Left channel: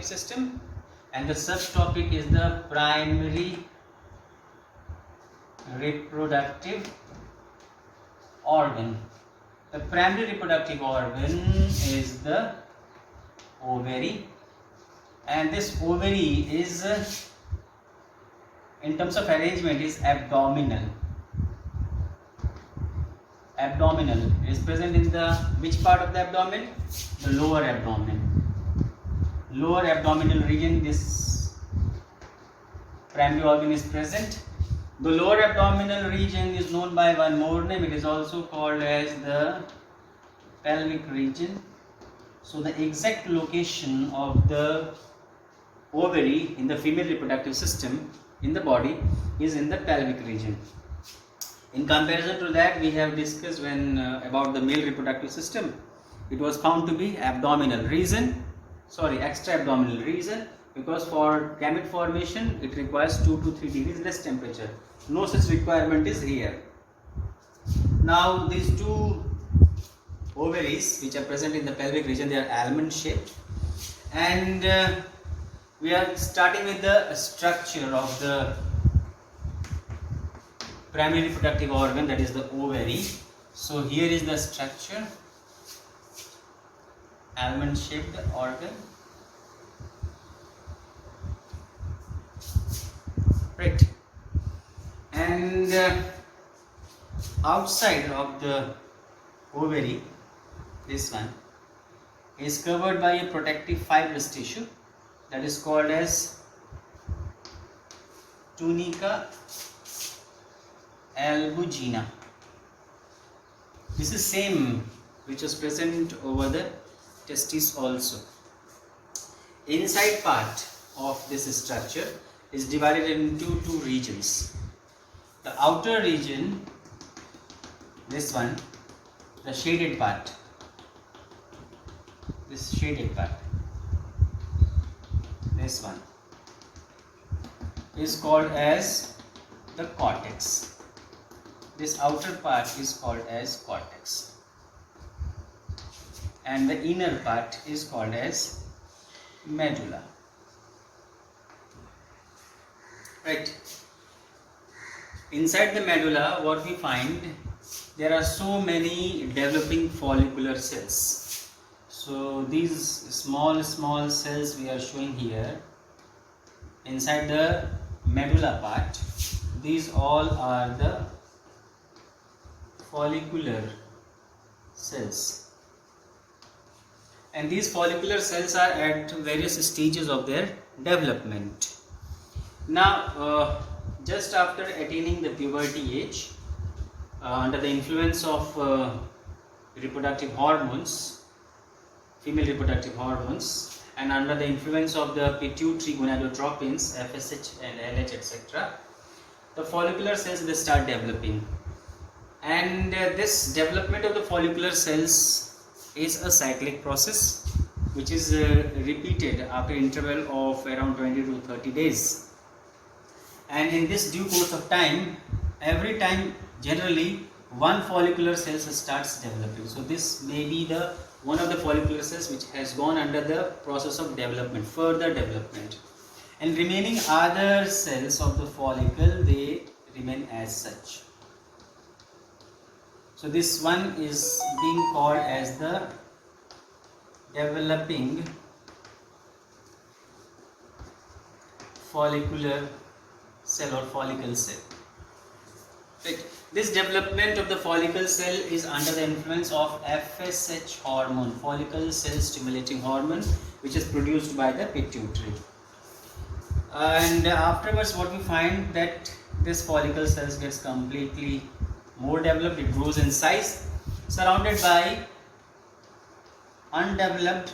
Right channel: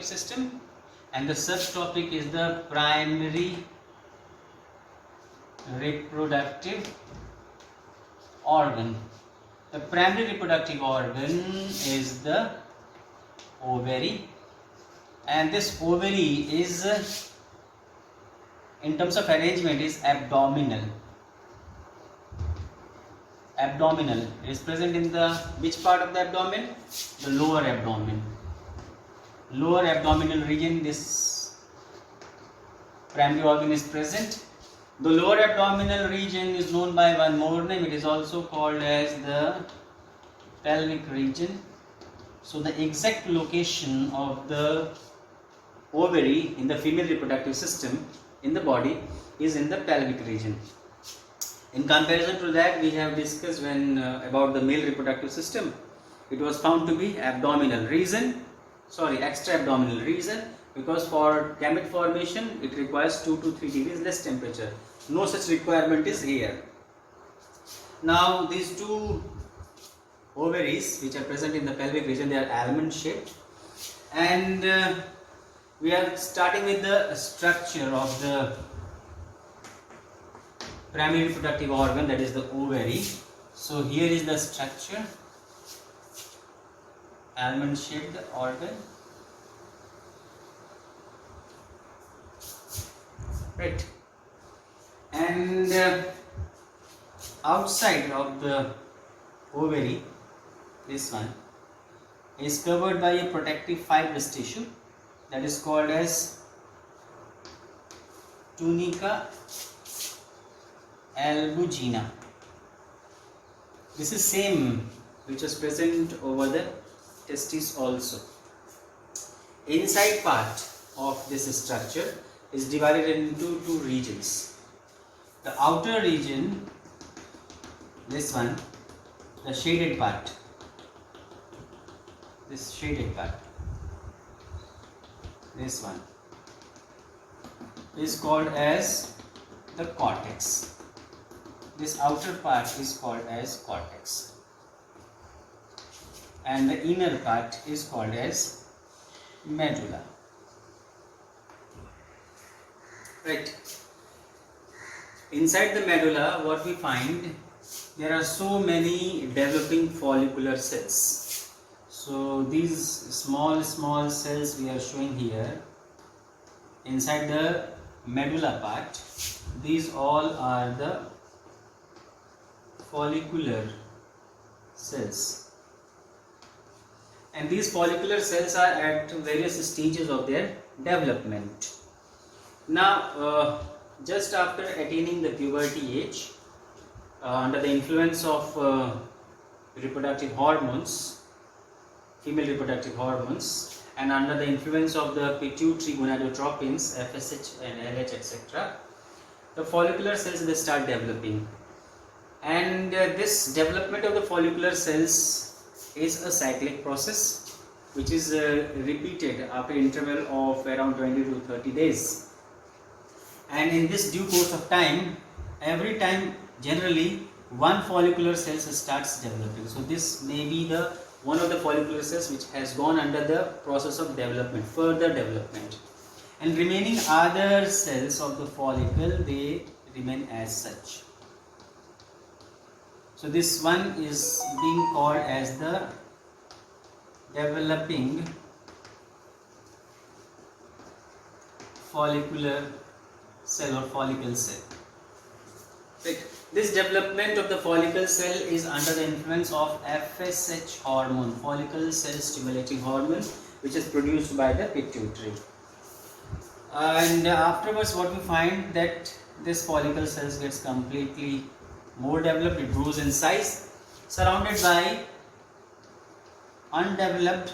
system, and the subtopic is the primary reproductive organ. The primary reproductive organ is the ovary, and this ovary is in terms of arrangement is abdominal. It is present in the which part of the abdomen? The lower abdomen. Lower abdominal region, this primary organ is present. The lower abdominal region is known by one more name. It is also called as the pelvic region. So the exact location of the ovary in the female reproductive system in the body is in the pelvic region. In comparison to that, we have discussed when about the male reproductive system. It was found to be abdominal reason. Extra abdominal reason, because for gamete formation it requires 2 to 3 degrees less temperature. No such requirement is here. Now these two ovaries which are present in the pelvic region, they are almond shaped, and we are starting with the structure of the primary reproductive organ, that is the ovary. So here is the structure, almond shaped organ, right, and outside of the ovary, this one is covered by a protective fibrous tissue that is called as tunica albuginea. This is same which was present over the testes also. Inside part of this structure is divided into two regions. The outer region, this one, the shaded part, this shaded part, this one is called as the cortex. This outer part is called as cortex, and the inner part is called as medulla. Right. Inside the medulla, what we find, there are so many developing follicular cells. So these small cells we are showing here inside the medulla part, these all are the follicular cells, and these follicular cells are at various stages of their development. Now just after attaining the puberty age, under the influence of reproductive hormones, female reproductive hormones, and under the influence of the pituitary gonadotropins, FSH and LH, etc., the follicular cells will start developing. And this development of the follicular cells is a cyclic process which is repeated after interval of around 20 to 30 days. And in this due course of time, every time generally one follicular cell starts developing. So this may be the one of the follicular cells which has gone under the process of development, further development, and remaining other cells of the follicle, they remain as such. So this one is being called as the developing follicular cell or follicle cell. Right. This development of the follicle cell is under the influence of FSH hormone, follicle cell stimulating hormone, which is produced by the pituitary. And afterwards, what we find that this follicle cells gets completely more developed, it grows in size, surrounded by undeveloped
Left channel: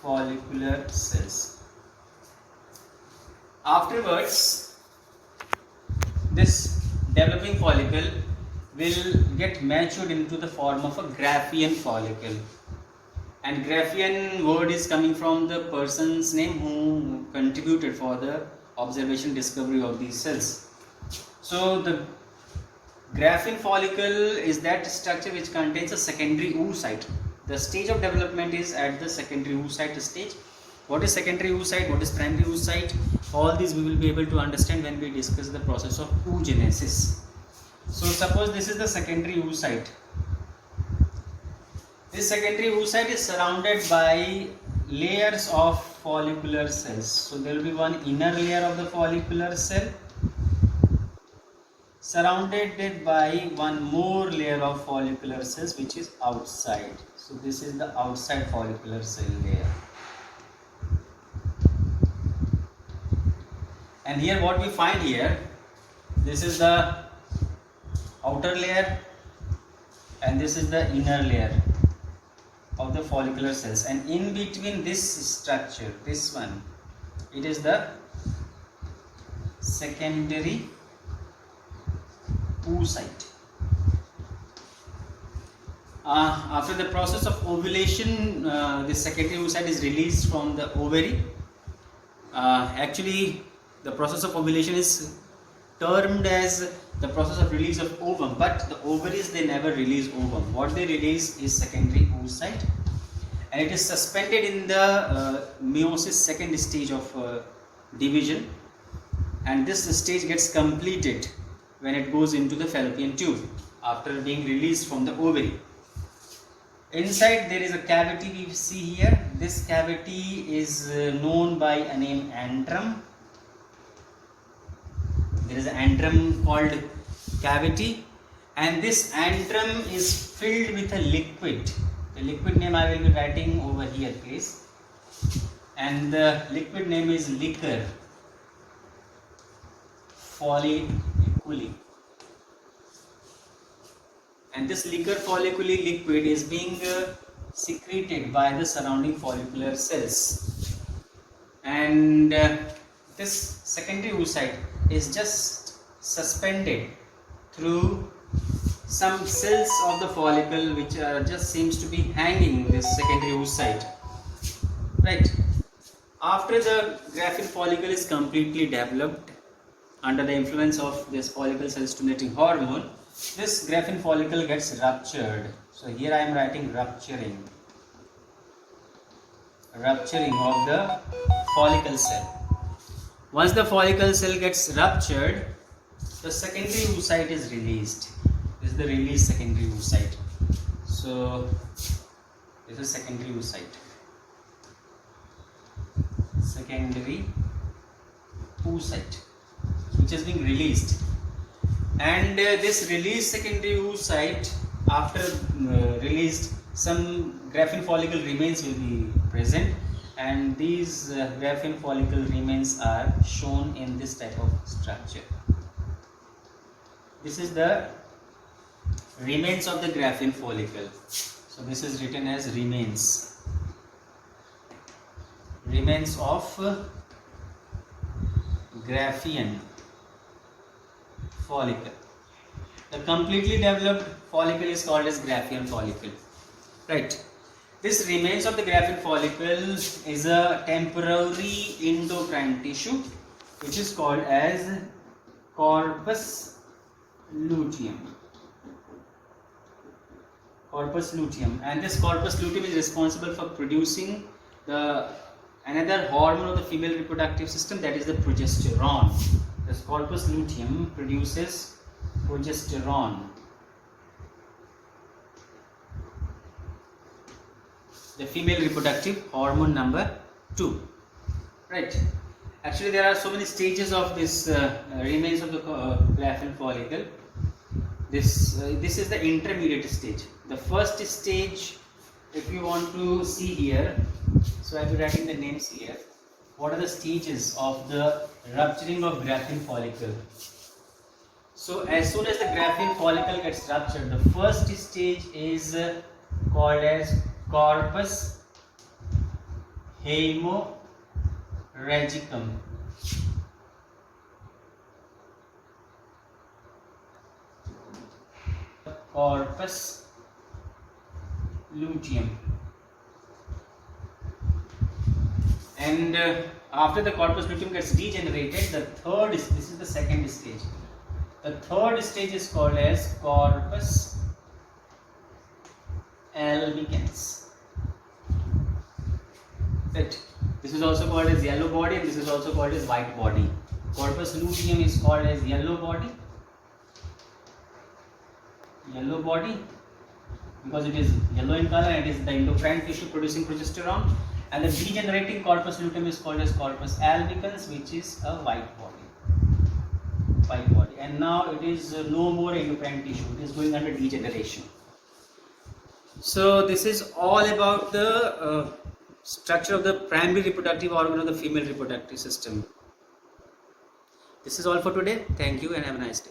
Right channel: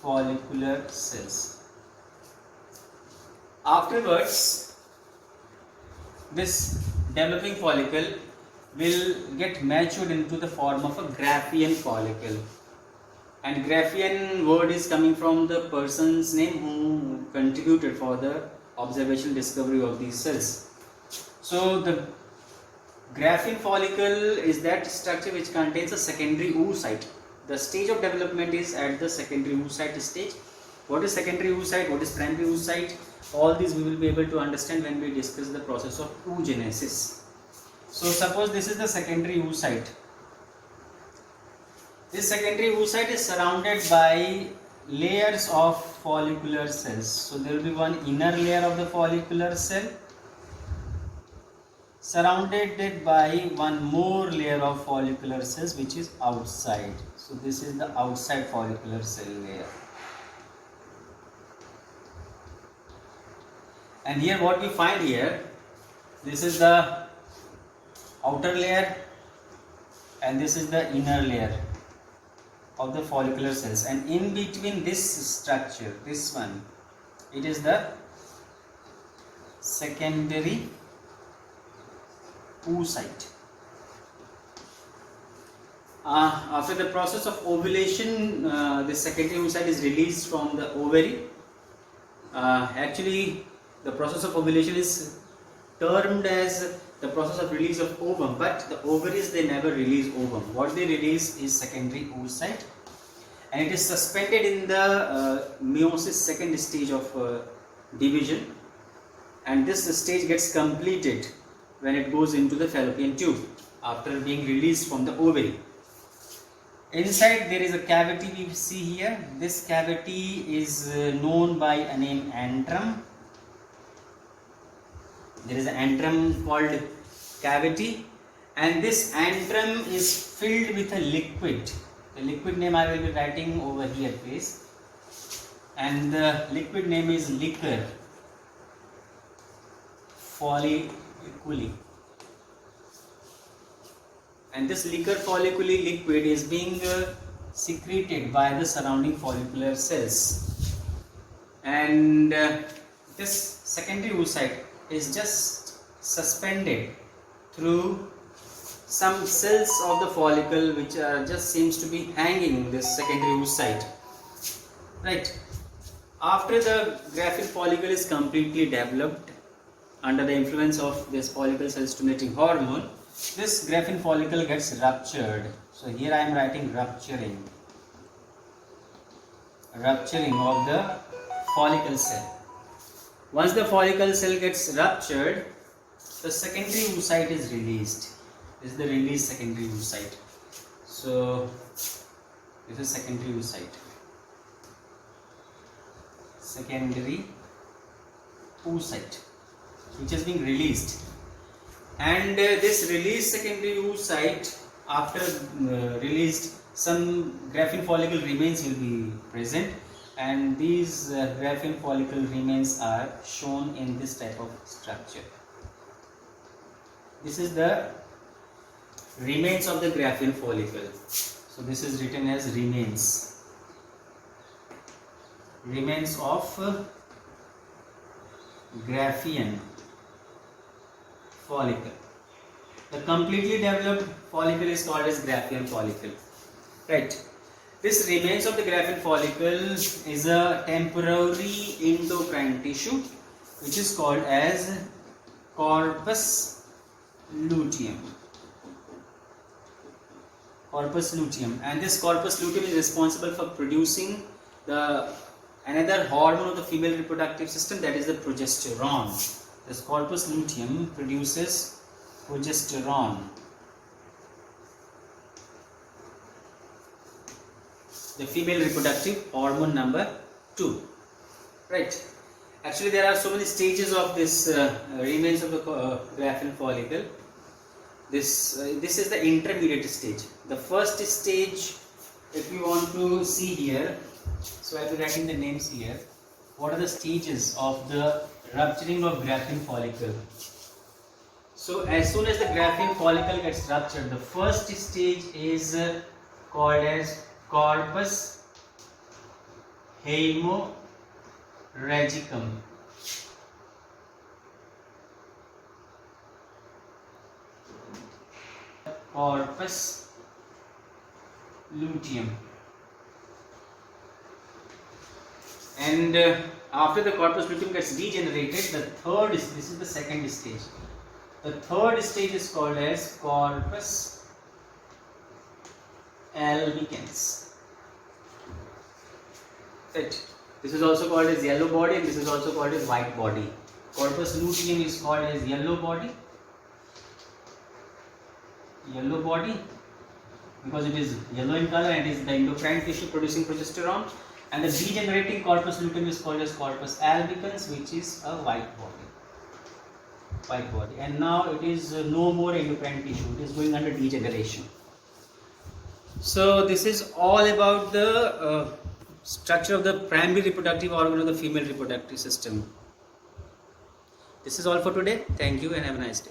follicular cells. Afterwards, this developing follicle will get matured into the form of a Graafian follicle, and Graafian word is coming from the person's name who contributed for the observation discovery of these cells. So the Graafian follicle is that structure which contains a secondary oocyte. The stage of development is at the secondary oocyte stage, What is secondary oocyte, what is primary oocyte, all these we will be able to understand when we discuss the process of oogenesis. So suppose this is the secondary oocyte. This secondary oocyte is surrounded by layers of follicular cells. So there will be one inner layer of the follicular cell surrounded by one more layer of follicular cells which is outside. So this is the outside follicular cell layer. And here what we find here, this is the outer layer and this is the inner layer of the follicular cells, and in between this structure, this one, it is the secondary oocyte. After the process of ovulation, the secondary oocyte is released from the ovary. Actually, the process of ovulation is termed as the process of release of ovum, but the ovaries, they never release ovum. What they release is secondary oocyte, and it is suspended in the meiosis, second stage of division, and this stage gets completed when it goes into the fallopian tube after being released from the ovary. Inside there is a cavity we see here. This cavity is known by a name antrum. There is an antrum called cavity, and this antrum is filled with a liquid. The liquid name I will be writing over here, please. And the liquid name is liquor folliculi. And this liquor folliculi liquid is being secreted by the surrounding follicular cells. And this secondary oocyte is just suspended through some cells of the follicle which just seems to be hanging in this secondary oocyte, right? After the graphene follicle is completely developed under the influence of this follicle cell stimulating hormone, this graphene follicle gets ruptured. So here I am writing rupturing of the follicle cell. Once the follicle cell gets ruptured, the secondary oocyte is released. This is the released secondary oocyte. So this is secondary oocyte. Secondary oocyte, which has been released. And this released secondary oocyte, after released, some graphene follicle remains will be present, and these graphene follicle remains are shown in this type of structure. This is the remains of the graphene follicle. So this is written as remains of graphene follicle. The completely developed follicle is called as graphene follicle, right? This remains of the graphene follicle is a temporary endocrine tissue which is called as corpus luteum. Corpus luteum, and this corpus luteum is responsible for producing the another hormone of the female reproductive system, that is the progesterone. This corpus luteum produces progesterone. The female reproductive hormone number 2, right? Actually, there are so many stages of this remains of the graphene follicle. This is the intermediate stage. The first stage, if you want to see here, so I will be writing the names here. What are the stages of the rupturing of graphene follicle? So as soon as the graphene follicle gets ruptured, the first stage is called as corpus hemorrhagicum. Corpus luteum. And after the corpus luteum gets degenerated, the third, this is the second stage. The third stage is called as corpus albicans. Right. This is also called as yellow body, and this is also called as white body. Corpus luteum is called as yellow body because it is yellow in color and it is the endocrine tissue producing progesterone. And the degenerating corpus luteum is called as corpus albicans, which is a white body. And now it is no more endocrine tissue, it is going under degeneration. So this is all about the structure of the primary reproductive organ of the female reproductive system. This is all for today. Thank you and have a nice day.